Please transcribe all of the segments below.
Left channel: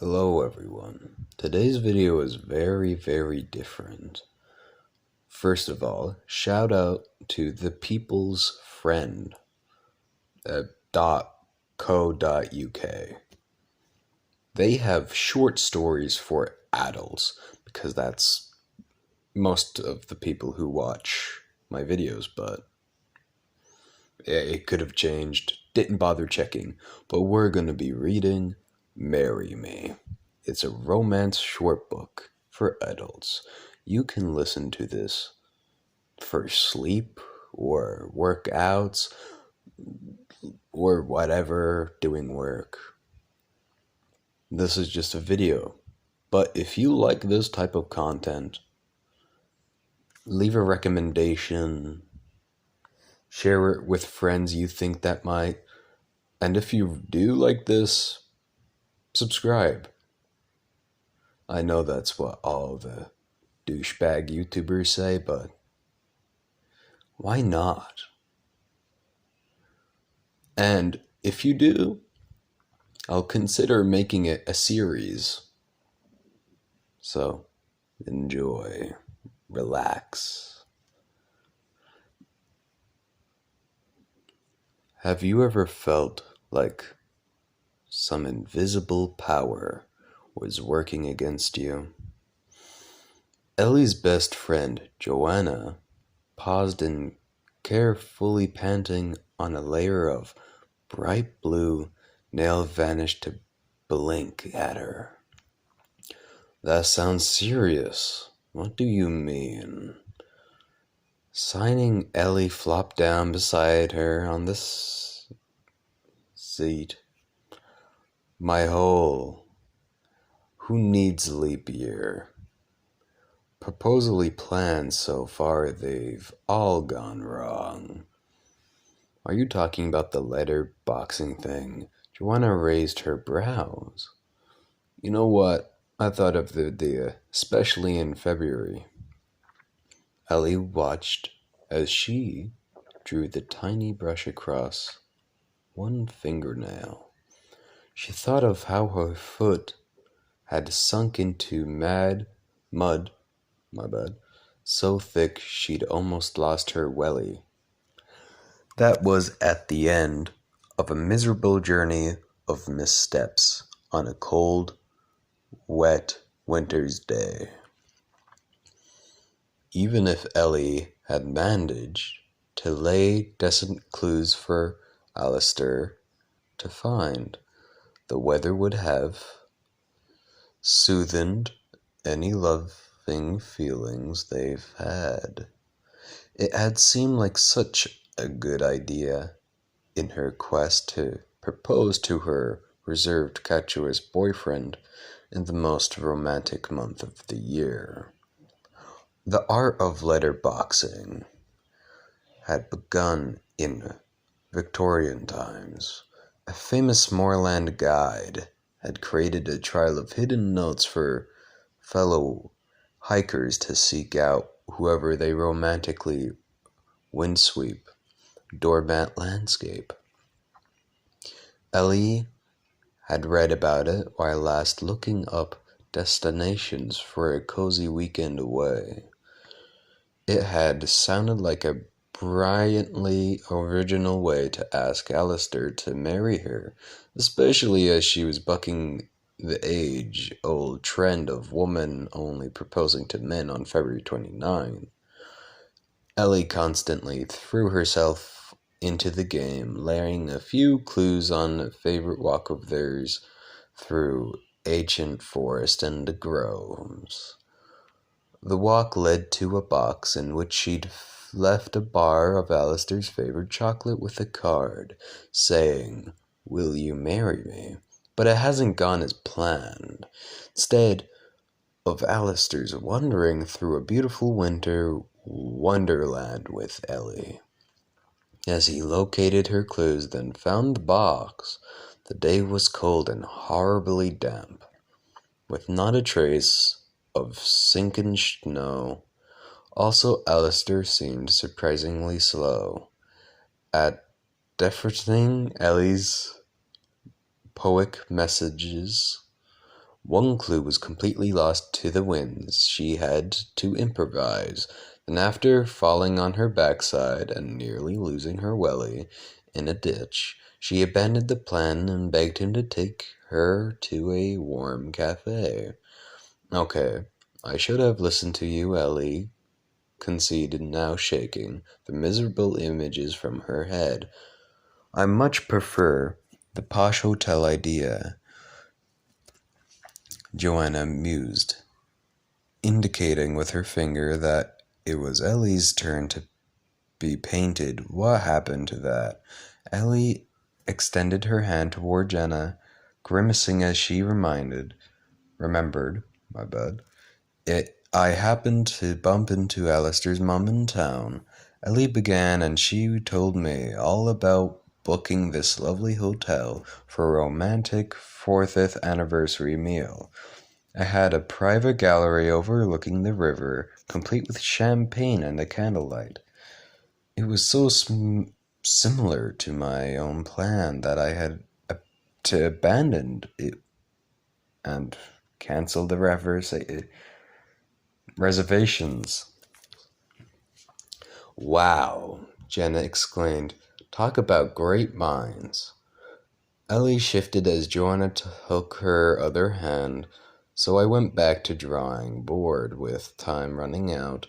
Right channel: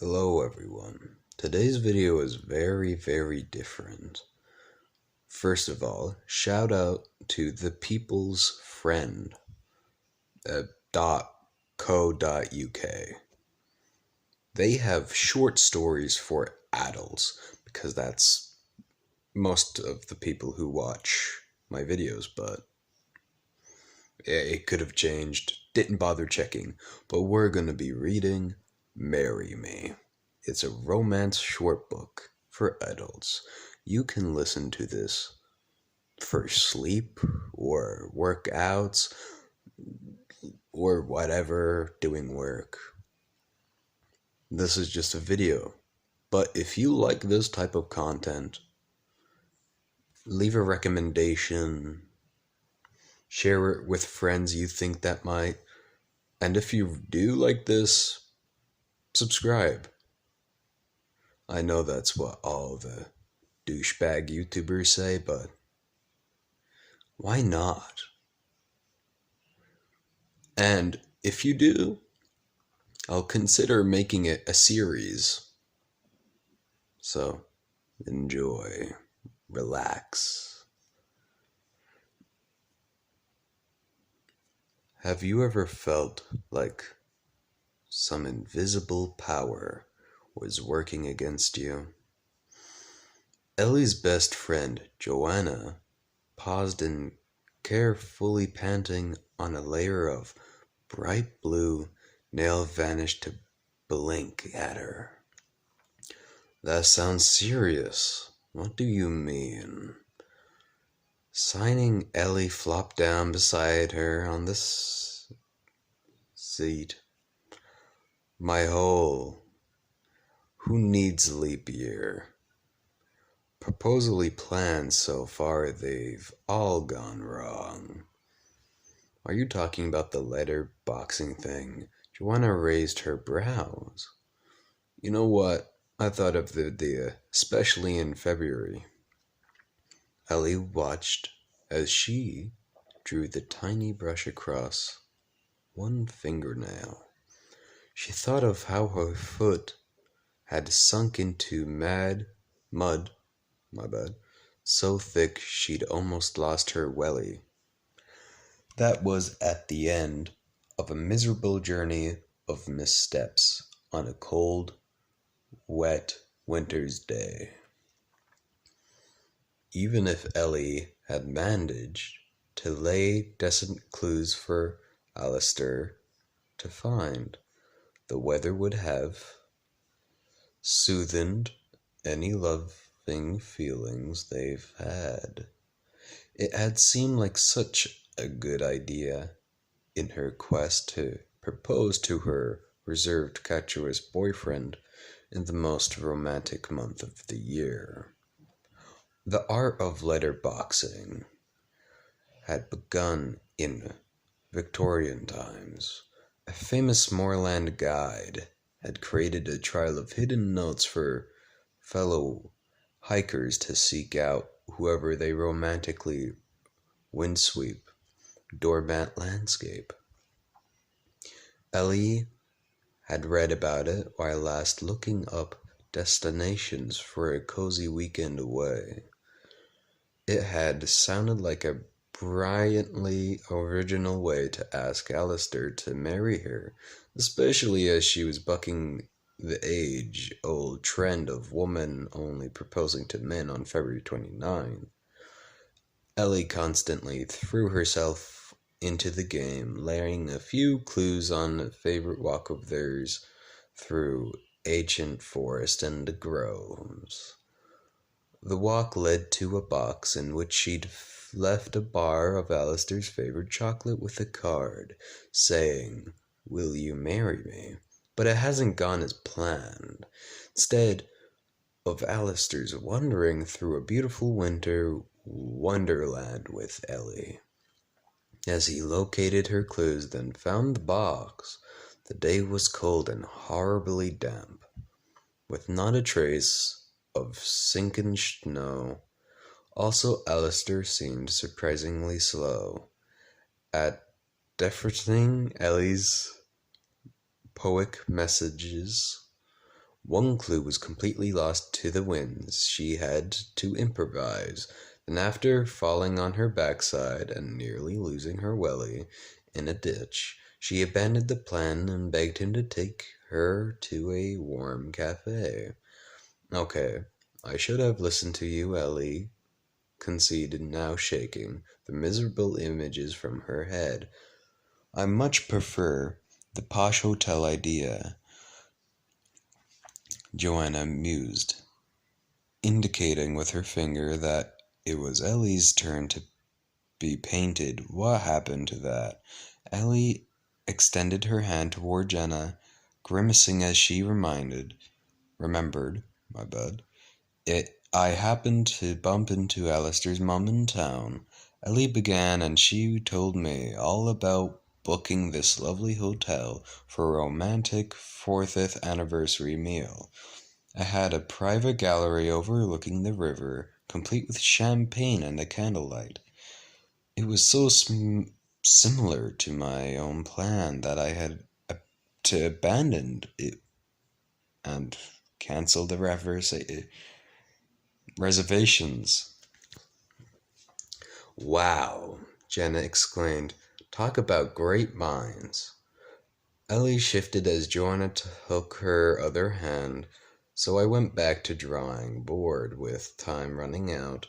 Hello everyone. Today's video is very different. First of all, shout out to The People's Friend at .co.uk. They have short stories for adults because that's most of the people who watch my videos, but it could have changed. Didn't bother checking, but we're gonna be reading Marry Me. It's a romance short book for adults. You can listen to this for sleep or workouts or whatever, doing work. This is just a video. But if you like this type of content, leave a recommendation, share it with friends you think that might, and if you do like this, subscribe. I know that's what all the douchebag YouTubers say, but why not? And if you do, I'll consider making it a series. So, enjoy, relax. Have you ever felt like some invisible power was working against you? Ellie's best friend, Joanna, paused and carefully panting on a layer of bright blue nail vanished to blink at her. That sounds serious. What do you mean? Signing, Ellie flopped down beside her on the seat. My hole. Who needs leap year? Proposally planned so far, they've all gone wrong. Are you talking about the letter boxing thing? Joanna raised her brows. You know what? I thought of the idea, especially in February. Ellie watched as she drew the tiny brush across one fingernail. She thought of how her foot had sunk into mud, so thick she'd almost lost her welly. That was at the end of a miserable journey of missteps on a cold, wet winter's day. Even if Ellie had managed to lay decent clues for Alistair to find, the weather would have soothed any loving feelings they've had. It had seemed like such a good idea in her quest to propose to her reserved catuous boyfriend in the most romantic month of the year. The art of letterboxing had begun in Victorian times. A famous moorland guide had created a trail of hidden notes for fellow hikers to seek out whoever they romantically windsweep doormat landscape. Ellie had read about it while last looking up destinations for a cozy weekend away. It had sounded like a brilliantly original way to ask Alistair to marry her, especially as she was bucking the age-old trend of women only proposing to men on February 29th. Ellie constantly threw herself into the game, layering a few clues on a favorite walk of theirs through ancient forest and groves. The walk led to a box in which she'd left a bar of Alistair's favorite chocolate with a card saying, "Will you marry me?" But it hasn't gone as planned. Instead of Alistair's wandering through a beautiful winter wonderland with Ellie. As he located her clues, then found the box, the day was cold and horribly damp, with not a trace of sinking snow. Also, Alistair seemed surprisingly slow at deferring Ellie's poetic messages One clue was completely lost to the winds. She had to improvise. Then, after falling on her backside and nearly losing her welly in a ditch, she abandoned the plan and begged him to take her to a warm cafe. Okay, I should have listened to you, Ellie conceded, now shaking the miserable images from her head. I much prefer the posh hotel idea, Joanna mused, indicating with her finger that it was Ellie's turn to be painted. What happened to that? Ellie extended her hand toward Jenna, grimacing as she remembered, my bad. I happened to bump into Alistair's mum in town. Ellie began, and she told me all about booking this lovely hotel for a romantic 40th anniversary meal. I had a private gallery overlooking the river, complete with champagne and a candlelight. It was so similar to my own plan that I had to abandon it and cancel the reservations. Wow, Jenna exclaimed. Talk about great minds. Ellie shifted as Joanna took her other hand, so I went back to drawing, bored with time running out.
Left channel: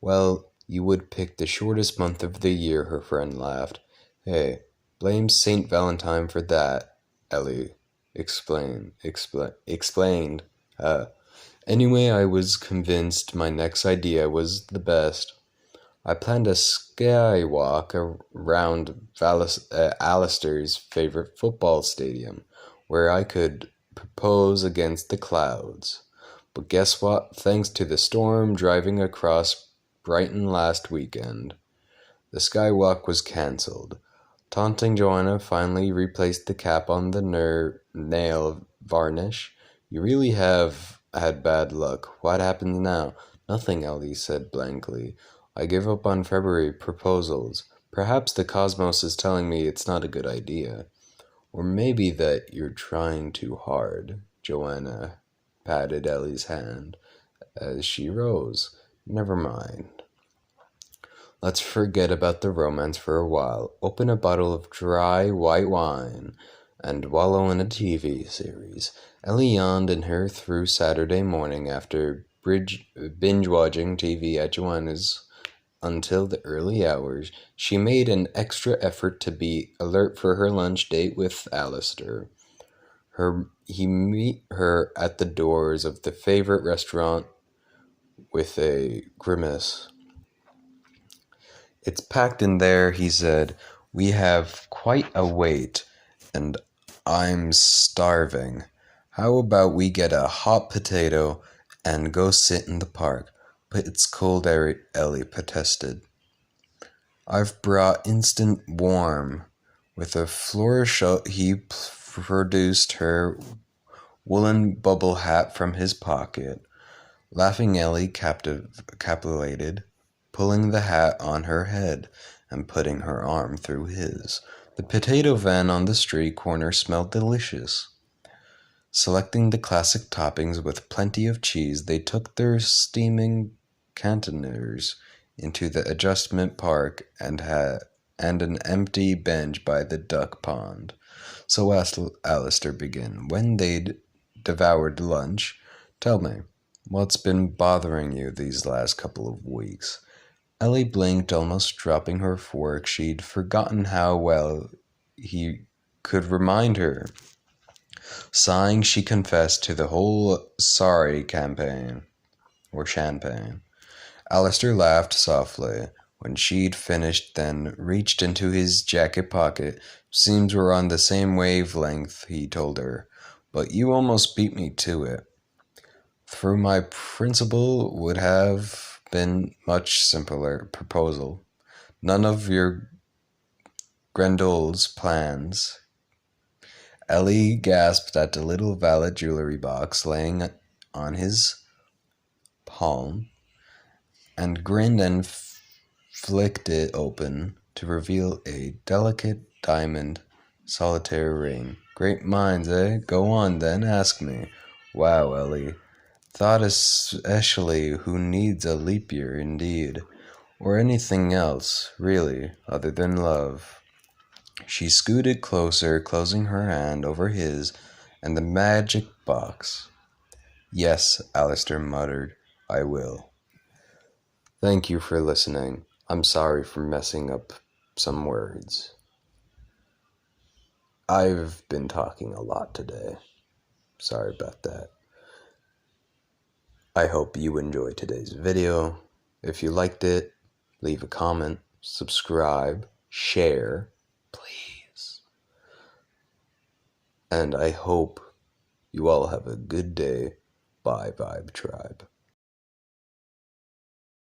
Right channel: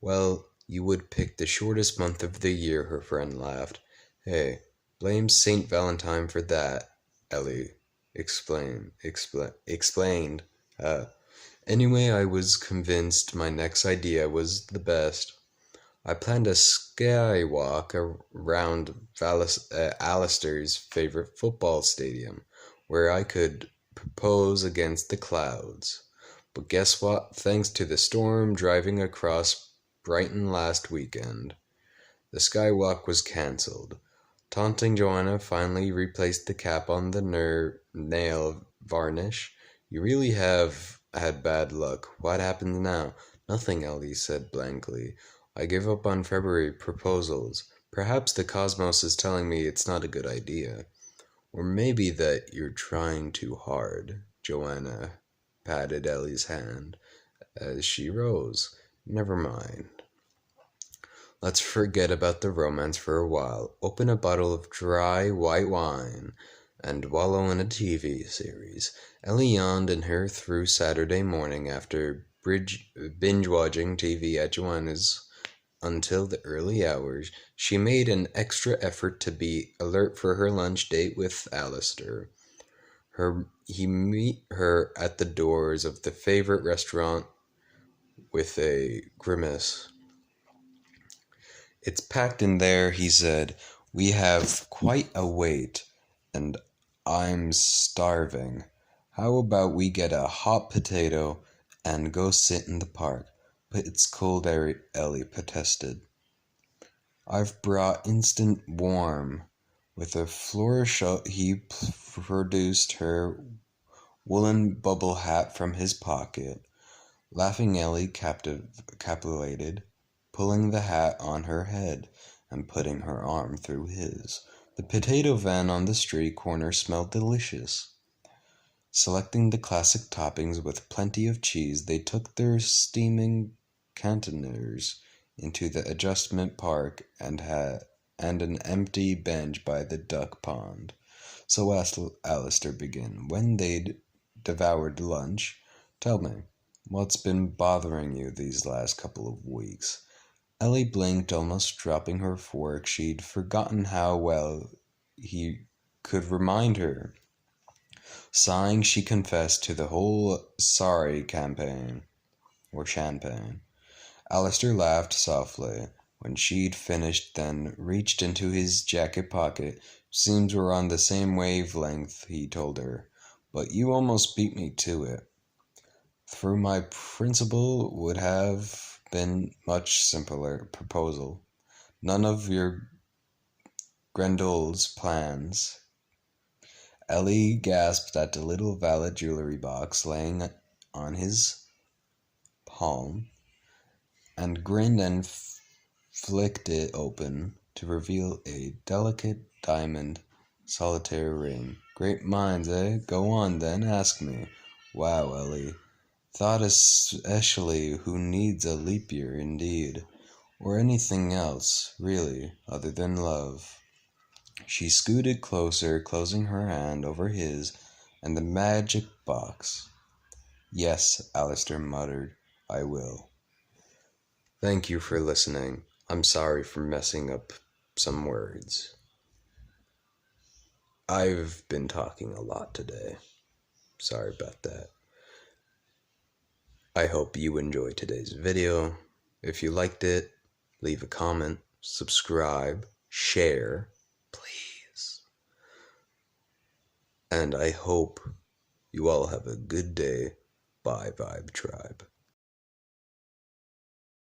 Well, you would pick the shortest month of the year, her friend laughed. Hey, blame St. Valentine for that, Ellie explained. Anyway, I was convinced my next idea was the best. I planned a skywalk around Alistair's favorite football stadium, where I could propose against the clouds. But guess what? Thanks to the storm driving across Brighton last weekend, the skywalk was cancelled. Taunting Joanna finally replaced the cap on the nail varnish. You really have had bad luck. What happens now? Nothing, Ellie said blankly. I give up on February proposals. Perhaps the cosmos is telling me it's not a good idea. Or maybe that you're trying too hard. Joanna patted Ellie's hand as she rose. Never mind. Let's forget about the romance for a while. Open a bottle of dry white wine and wallow in a TV series. Ellie yawned in her through Saturday morning after binge-watching TV at Joanna's until the early hours. She made an extra effort to be alert for her lunch date with Alistair. He met her at the doors of the favorite restaurant with a grimace. It's packed in there, he said. We have quite a wait, and I'm starving. How about we get a hot potato and go sit in the park? But it's cold, Ellie protested. I've brought instant warm. With a flourish, he produced her woolen bubble hat from his pocket. Laughing, Ellie capitulated, pulling the hat on her head and putting her arm through his. The potato van on the street corner smelled delicious. Selecting the classic toppings with plenty of cheese, they took their steaming cantoners into the adjustment park and an empty bench by the duck pond. So asked Alistair begin. When they'd devoured lunch, tell me, what's been bothering you these last couple of weeks? Ellie blinked, almost dropping her fork. She'd forgotten how well he could remind her. Sighing, she confessed to the whole sorry campaign, or champagne. Alistair laughed softly when she'd finished, then reached into his jacket pocket. Seems we're on the same wavelength, he told her, but you almost beat me to it. Through my principle would have been much simpler proposal. None of your Grendel's plans. Ellie gasped at the little violet jewelry box laying on his palm and grinned and flicked it open to reveal a delicate diamond solitaire ring. Great minds, eh? Go on then, ask me. Wow, Ellie. Thought especially who needs a leap year indeed, or anything else, really, other than love. She scooted closer, closing her hand over his and the magic box. Yes, Alistair muttered, I will. Thank you for listening. I'm sorry for messing up some words. I've been talking a lot today. Sorry about that. I hope you enjoyed today's video. If you liked it, leave a comment, subscribe, share, please. And I hope you all have a good day. Bye, Vibe Tribe.